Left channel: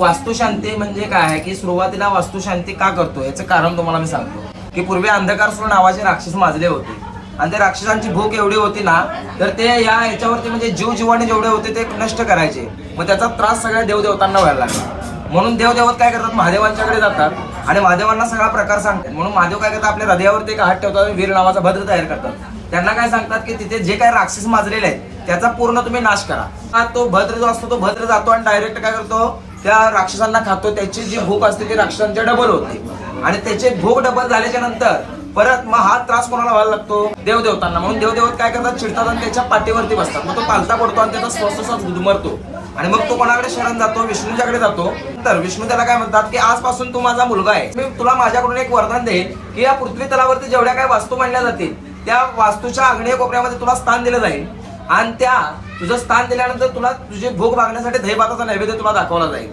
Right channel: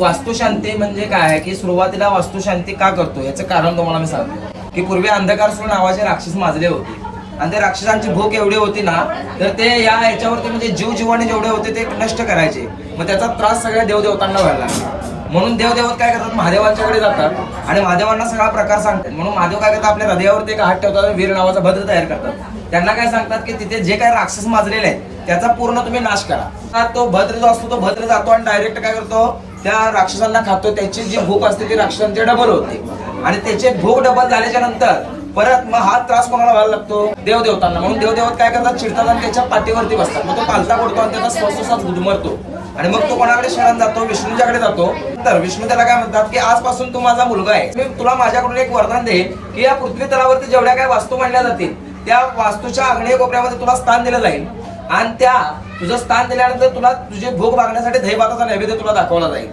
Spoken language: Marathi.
वास्तुशांती म्हणजे काय आहे की सुरुवातीला वास्तुशांती का करतो याचं कारण तुम्हाला मी सांगतो की पूर्वी अंधकारसूर नावाचे राक्षस माजले होते आणि त्या राक्षसांची भूक एवढी होती ना तर ते याच्यावरती म्हणजे जीव जीवाने जेवढे होते ते नष्ट करायचे. मग त्याचा त्रास सगळ्या देवदेवतांना व्हायला लागला. म्हणून देवदेवत काय करतात, महादेवांच्याकडे जातात आणि महादेवांना सगळा प्रकार सांगतात. म्हणून महादेव काय करतात, आपल्या हृदयावरती एक हात ठेवतात आणि वीर नावाचा भद्र तयार करतात. त्यांना काय सांगतात की तिथे जे काही राक्षस माजलेले आहेत त्याचा पूर्ण तुम्ही नाश करा. तो भद्र जो असतो तो भद्र जातो आणि डायरेक्ट काय करतो, त्या राक्षसांना खातो. त्याची जी भूक असते ती राक्षसांची डबल होते आणि त्याचे भूक डबल झाल्याच्या नंतर परत मग हा त्रास कोणाला व्हायला लागतो, देवदेवतांना. म्हणून देवदेवत काय करतात, चिडतात आणि त्याच्या पाठीवरती बसतात. मग तो पालता पडतो आणि त्याचा स्वस्त गुदमरतो आणि मग तो कोणाकडे शरण जातो, विष्णूच्याकडे जातो. तर विष्णू त्याला काय म्हणतात की आजपासून तू माझा मुलगा आहे, मी तुला माझ्याकडून एक वरदान देईन की या पृथ्वी तलावरती जेवढ्या काही वास्तू मांडल्या जातील त्या वास्तूच्या आग्नेय कोपऱ्यामध्ये तुला स्थान दिलं जाईल आणि त्या तुझं स्थान दिल्यानंतर तुला तुझी भूक भागण्यासाठी दही भाताचा नैवेद्य तुला दाखवला जाईल.